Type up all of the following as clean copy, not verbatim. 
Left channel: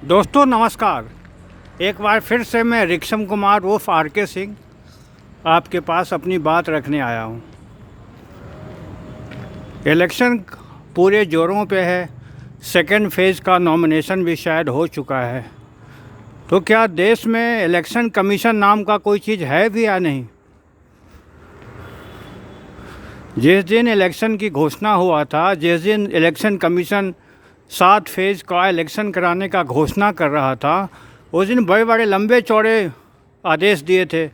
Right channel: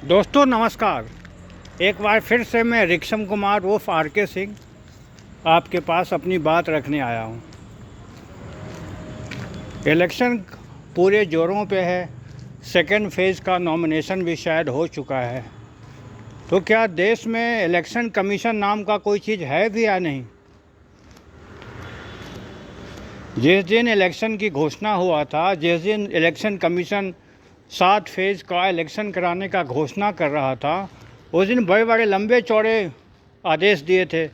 दोस्तों नमस्कार। एक बार फिर से मैं रिक्शम कुमार उर्फ आर.के. सिंह आपके पास अपनी बात रखने आया हूँ। इलेक्शन पूरे ज़ोरों पे है। सेकेंड फेज़ का नॉमिनेशन भी शायद हो चुका है। तो क्या देश में इलेक्शन कमीशन नाम का कोई चीज़ है भी या नहीं? जिस दिन इलेक्शन की घोषणा हुआ था, जिस दिन इलेक्शन कमीशन 7 फेज़ का इलेक्शन कराने का घोषणा कर रहा था, उस दिन बड़े बड़े लंबे चौड़े आदेश दिए थे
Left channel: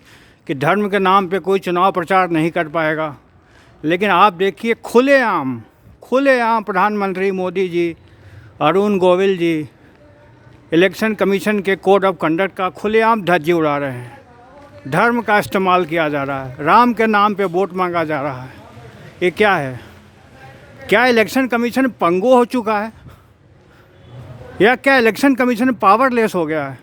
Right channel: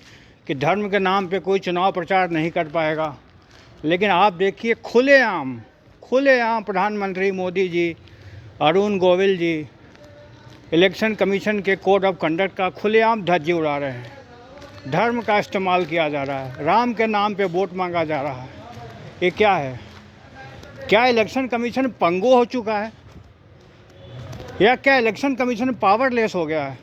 कि धर्म के नाम पे कोई चुनाव प्रचार नहीं कर पाएगा। लेकिन आप देखिए खुलेआम प्रधानमंत्री मोदी जी, अरुण गोविल जी इलेक्शन कमीशन के कोड ऑफ कंडक्ट का खुलेआम धज्जी उड़ा रहे हैं। धर्म का इस्तेमाल किया जा रहा है, राम के नाम पे वोट मांगा जा रहा है। ये क्या है? क्या इलेक्शन कमीशन पंगु हो चुका है या क्या इलेक्शन कमीशन पावरलेस हो गया है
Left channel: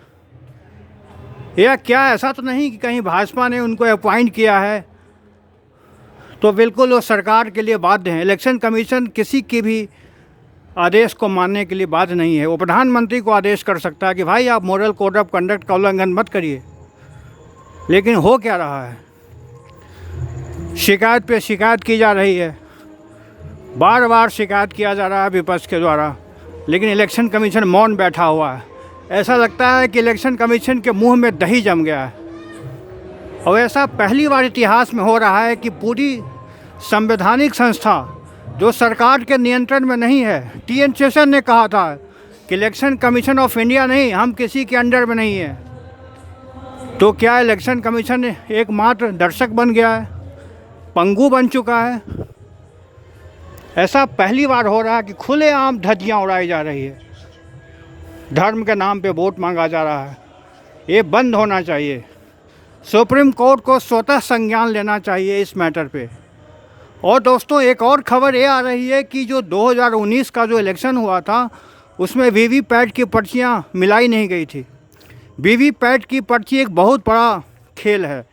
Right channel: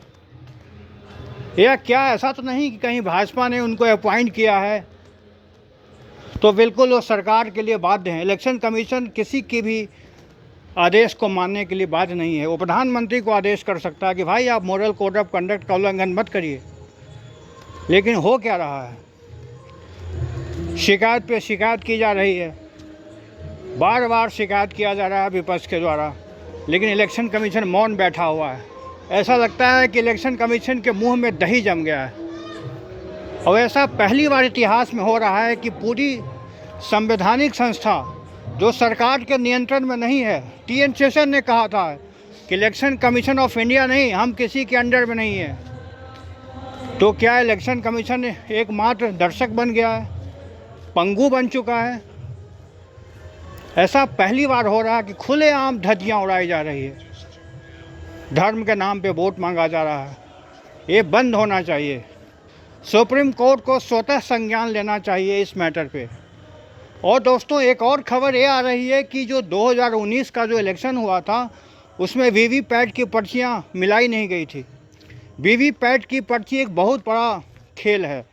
या क्या? ऐसा तो नहीं कि कहीं भाजपा ने उनको अपॉइंट किया है तो बिल्कुल वो सरकार के लिए बाध्य हैं। इलेक्शन कमीशन किसी की भी आदेश को मानने के लिए बाध्य नहीं है। वो प्रधानमंत्री को आदेश कर सकता है कि भाई आप मॉरल कोड ऑफ कंडक्ट का उल्लंघन मत करिए। लेकिन हो क्या रहा है? शिकायत पे शिकायत की जा रही है, बार बार शिकायत किया जा रहा है विपक्ष के द्वारा, लेकिन इलेक्शन कमीशन मौन बैठा हुआ है। ऐसा लगता है कि इलेक्शन कमीशन के मुंह में दही जम गया है। और ऐसा पहली बार इतिहास में हो रहा है कि पूरी संवैधानिक संस्था जो सरकार के नियंत्रण में नहीं है, टी.एन. शेषन ने कहा था कि इलेक्शन कमीशन ऑफ इंडिया नहीं, हम किसी के अंडर में नहीं है। तो क्या इलेक्शन कमीशन एकमात्र दर्शक बन गया है, पंगु बन चुका है? ऐसा पहली बार हो रहा है कि खुलेआम धज्जियाँ उड़ाई जा रही है, धर्म के नाम पे वोट मांगा जा रहा है। ये बंद होना चाहिए। सुप्रीम कोर्ट को स्वतः संज्ञान लेना चाहिए इस मैटर पे। और दोस्तों एक और खबर ये आ रही है कि जो 2019 का जो इलेक्शन हुआ था उसमें वीवीपैट की पर्चियाँ मिलाई नहीं गई थी। वीवीपैट की पर्ची एक बहुत बड़ा खेल है।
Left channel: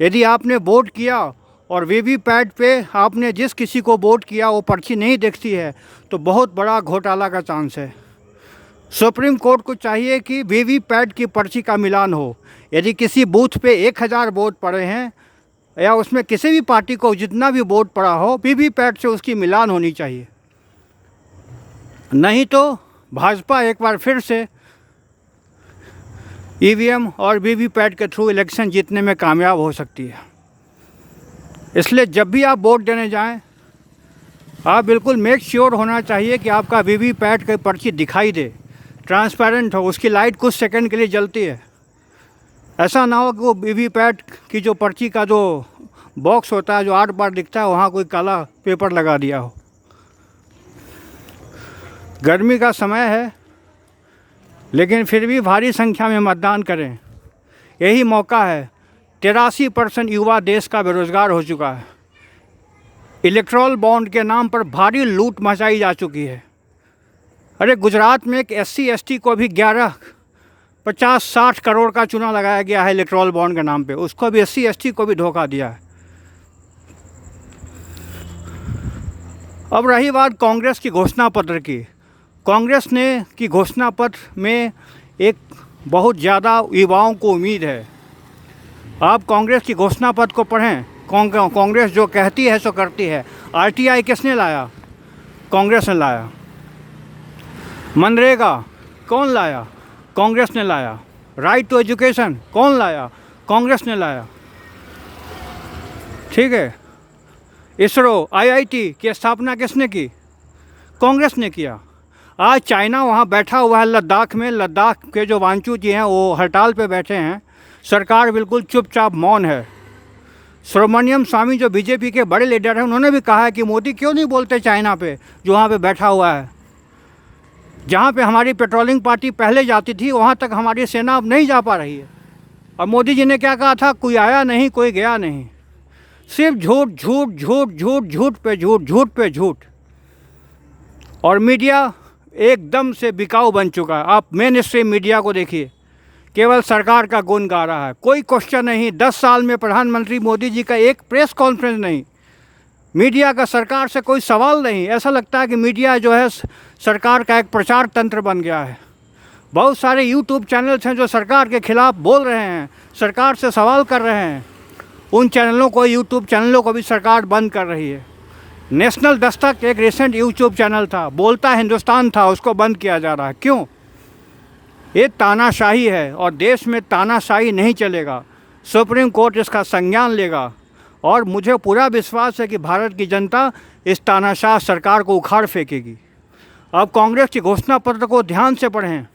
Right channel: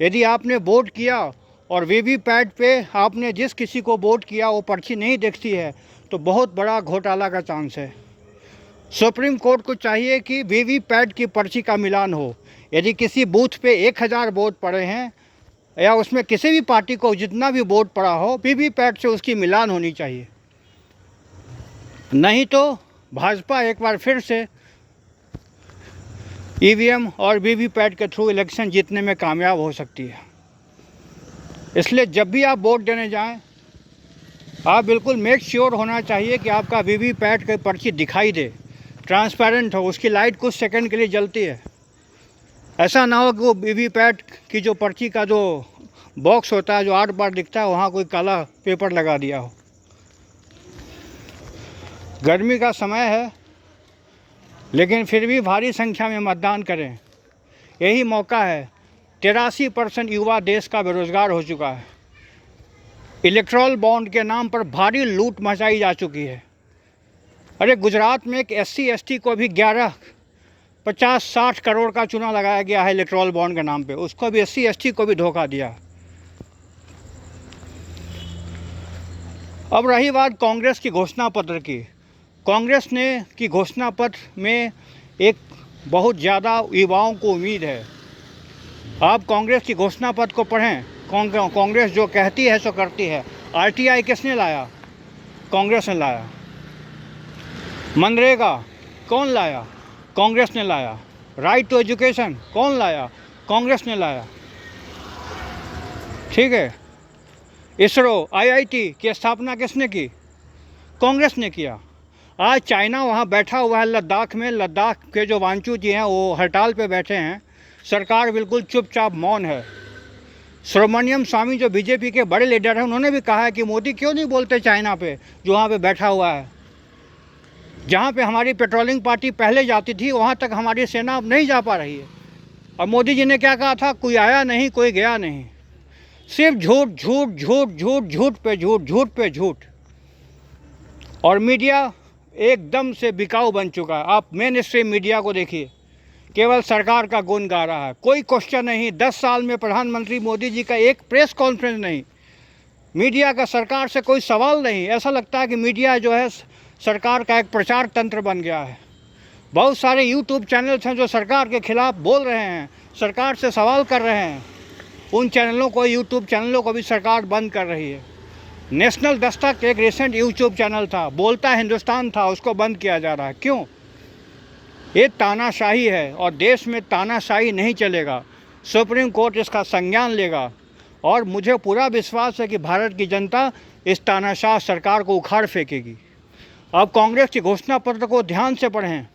यदि आपने वोट किया और वीवीपैट पे आपने जिस किसी को वोट किया वो पर्ची नहीं दिखती है तो बहुत बड़ा घोटाला का चांस है। सुप्रीम कोर्ट को चाहिए कि वीवीपैट की पर्ची का मिलान हो। यदि किसी बूथ पे 1000 वोट पड़े हैं या उसमें किसी भी पार्टी को जितना भी वोट पड़ा हो, वीवीपैट से उसकी मिलान होनी चाहिए। नहीं तो भाजपा एक बार फिर से ईवीएम और वीवीपैट के थ्रू इलेक्शन जीतने में कामयाब हो सकती है। इसलिए जब भी आप वोट देने जाएं, आप बिल्कुल मेक श्योर होना चाहिए कि आपका वीवीपैट की पर्ची दिखाई दे, ट्रांसपेरेंट हो, उसकी लाइट कुछ सेकंड के लिए जलती है। ऐसा ना हो कि वो वीवीपैट की जो पर्ची का जो बॉक्स होता है, जो 8 बार दिखता है, वहाँ कोई काला पेपर लगा दिया हो। गर्मी का समय है लेकिन फिर भी भारी संख्या में मतदान करें। यही मौका है। 83% युवा देश का बेरोजगार हो चुका है। इलेक्ट्रल बॉन्ड के नाम पर भारी लूट मचाई जा चुकी है। अरे गुजरात में एक SC/ST को भी 50-60 करोड़ का चूना लगाया गया है इलेक्ट्रल बॉन्ड के नाम पे। उसको भी SC/ST को भी धोखा दिया है। अब रही बात कांग्रेस की घोषणा पत्र की। कांग्रेस ने की घोषणा पत्र में एक बहुत ज़्यादा युवाओं को उम्मीद है। आप कांग्रेस की घोषणा पत्र को पढ़ें। कांग्रेस जो कहती है सो करती है। RTI किसने लाया? कांग्रेस ने लाया। मनरेगा कौन लाया? कांग्रेस ने लाया। राइट टू एजुकेशन कौन लाया? कांग्रेस ने लाया। ठीक है। इसरो, IIT की स्थापना किसने की? कांग्रेस ने किया। आज चाइना वहाँ बैठा हुआ है लद्दाख में। लद्दाख के जो वांचू जी हैं वो हड़ताल पे बैठे हैं। सरकार बिल्कुल चुपचाप मौन है। सुब्रमण्यम स्वामी जो बीजेपी के बड़े लीडर हैं, उन्होंने भी कहा है कि मोदी क्यों नहीं बोलते चाइना पे, जो वहाँ पे बैठा हुआ है। जहाँ पे हमारी पेट्रोलिंग पार्टी पहले जाती थी वहाँ तक हमारी सेना अब नहीं जा पा रही है। और मोदी जी ने क्या कहा था? कोई आया नहीं, कोई गया नहीं। सिर्फ झूठ झूठ झूठ झूठ झूठ पे झूठ, झूठ पे झूठ। और मीडिया एकदम से बिकाऊ बन चुका है। आप मेन स्ट्रीम मीडिया को देखिए, केवल सरकार का गुण गा रहा है। कोई क्वेश्चन नहीं। 10 साल में प्रधानमंत्री मोदी जी का एक प्रेस कॉन्फ्रेंस नहीं। मीडिया का सरकार से कोई सवाल नहीं। ऐसा लगता है कि मीडिया जो है सरकार का एक प्रचार तंत्र बन गया है। बहुत सारे यूट्यूब चैनल्स हैं जो सरकार के ख़िलाफ़ बोल रहे हैं, सरकार से सवाल कर रहे हैं। उन चैनलों को, यूट्यूब चैनलों को भी सरकार बंद कर रही है। नेशनल दस्तक एक रिसेंट यूट्यूब चैनल था, बोलता हिंदुस्तान था, उसको बंद किया जा रहा है। क्यों? ये तानाशाही है और देश में तानाशाही नहीं चलेगा। सुप्रीम कोर्ट इसका संज्ञान लेगा और मुझे पूरा विश्वास है कि भारत की जनता इस तानाशाह सरकार को उखाड़ फेंकेगी। अब कांग्रेस की घोषणा पत्र को ध्यान से पढ़ें।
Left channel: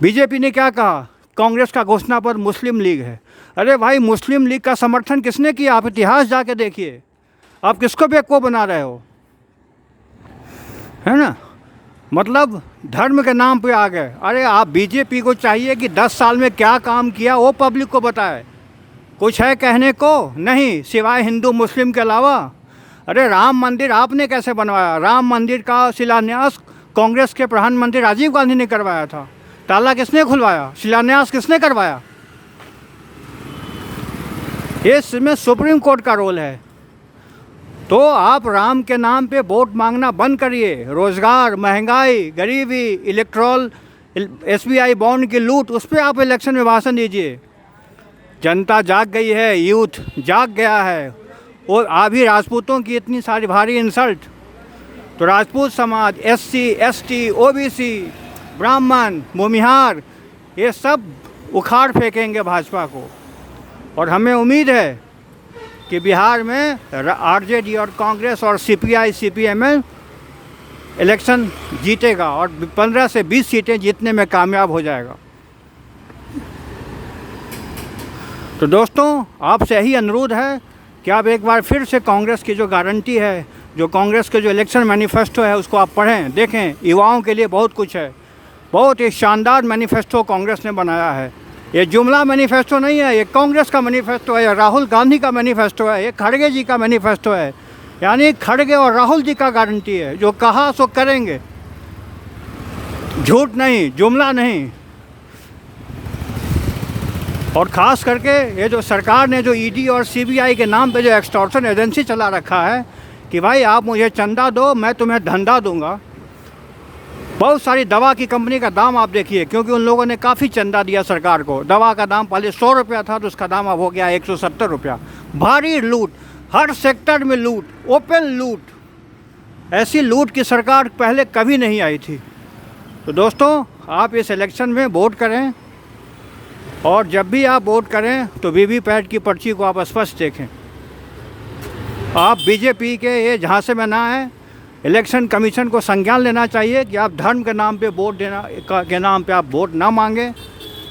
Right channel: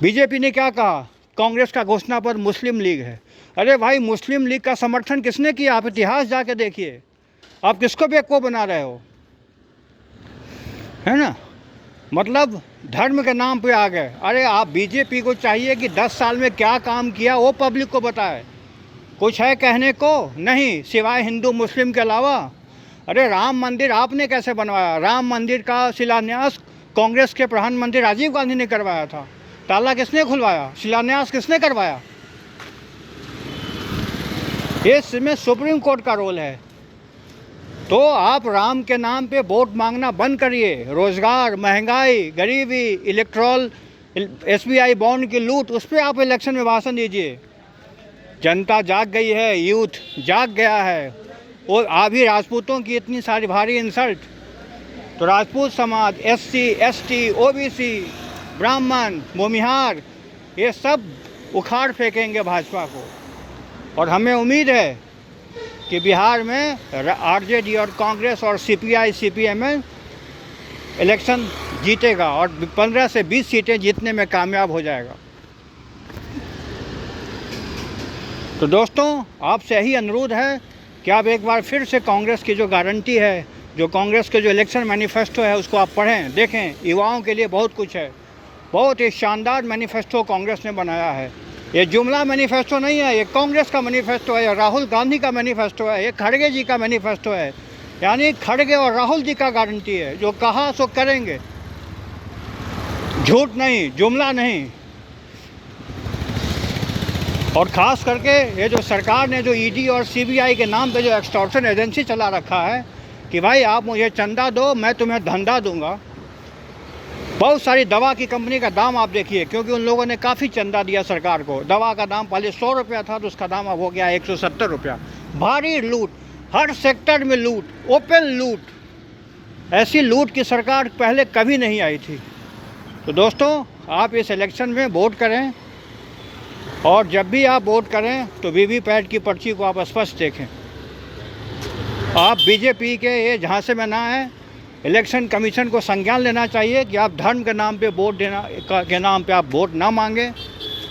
बीजेपी ने क्या कहा? कांग्रेस का घोषणा पत्र मुस्लिम लीग है। अरे भाई, मुस्लिम लीग का समर्थन किसने किया? आप इतिहास जाके देखिए। आप किसको बेवकूफ़ बना रहे हो, है ना? मतलब धर्म के नाम पे आ गए। अरे आप बीजेपी को चाहिए कि 10 साल में क्या काम किया वो पब्लिक को बताए। कुछ है कहने को? नहीं, सिवाय हिंदू मुस्लिम के अलावा। अरे राम मंदिर आपने कैसे बनवाया? राम मंदिर का शिलान्यास कांग्रेस के प्रधानमंत्री राजीव गांधी ने करवाया था। ताला किसने खुलवाया? शिलान्यास किसने करवाया? इसमें सुप्रीम कोर्ट का रोल है। तो आप राम के नाम पे वोट मांगना बंद करिए। रोज़गार, महंगाई, गरीबी, इलेक्ट्रॉल, SBI बॉन्ड की लूट, उस पर आप इलेक्शन में भाषण दीजिए। जनता जाग गई है, यूथ जाग गया है। और अभी राजपूतों की इतनी सारी भारी इंसल्ट, तो राजपूत समाज, SC, ST, OBC, ब्राह्मण, भूमिहार, ये सब उखाड़ फेंकेंगे भाजपा को। और हमें उम्मीद है कि बिहार में RJD और कांग्रेस और CPI, CPM इलेक्शन जीतेगा और 15 से 20 सीटें जीतने में कामयाब हो जाएगा। तो दोस्तों, आपसे यही अनुरोध है कि आप एक बार फिर से कांग्रेस की जो गारंटी है, जो कांग्रेस के जो इलेक्शन मैनिफेस्टो है, उसको आप पढ़ें, देखें। युवाओं के लिए बहुत कुछ है। बहुत ही शानदार मैनिफेस्टो कांग्रेस ने बनाया है। ये जुमला मैनिफेस्टो नहीं है, ये कांग्रेस का मैनिफेस्टो है, राहुल गांधी का मैनिफेस्टो है, ये खड़गे जी का मैनिफेस्टो है। यानी खड़गे और राहुल जी का गारंटी है, जो कहा सो करेंगे, झूठ नहीं, जुमला नहीं। और ख़ास करके ये जो सरकार ने जो ED और CBI के नाम पे जो एक्सटॉर्शन एजेंसी चला रखा है कि भाई आप मुझे चंदा दो, मैं तुम्हें धंधा दूंगा। बहुत सारी दवा की कंपनी का दाम आप देखिए, क्योंकि उन लोगों ने काफ़ी चंदा दिया सरकार को। दवा का दाम पहले 100 रुपया था, तो उसका दाम अब हो गया 170 रुपया। भारी लूट, हर सेक्टर में लूट, ओपन लूट। ऐसी लूट की सरकार पहले कभी नहीं आई थी। तो दोस्तों, आप इस इलेक्शन में वोट करें और जब भी आप वोट करें तो VVPAT की पर्ची को आप स्पष्ट देखें। आप बीजेपी के ये झांसे में ना आए। इलेक्शन कमीशन को संज्ञान लेना चाहिए कि आप धर्म के नाम पे वोट देना के नाम पे आप वोट ना मांगें।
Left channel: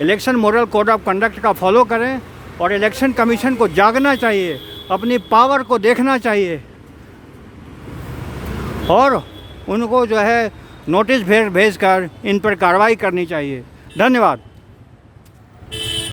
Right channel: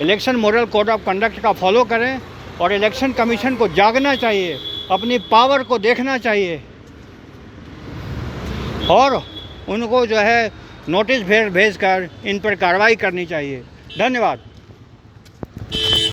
Election model code of conduct का फॉलो करें और इलेक्शन कमीशन को जागना चाहिए, अपनी पावर को देखना चाहिए और उनको जो है नोटिस भेज कर इन पर कार्रवाई करनी चाहिए। धन्यवाद।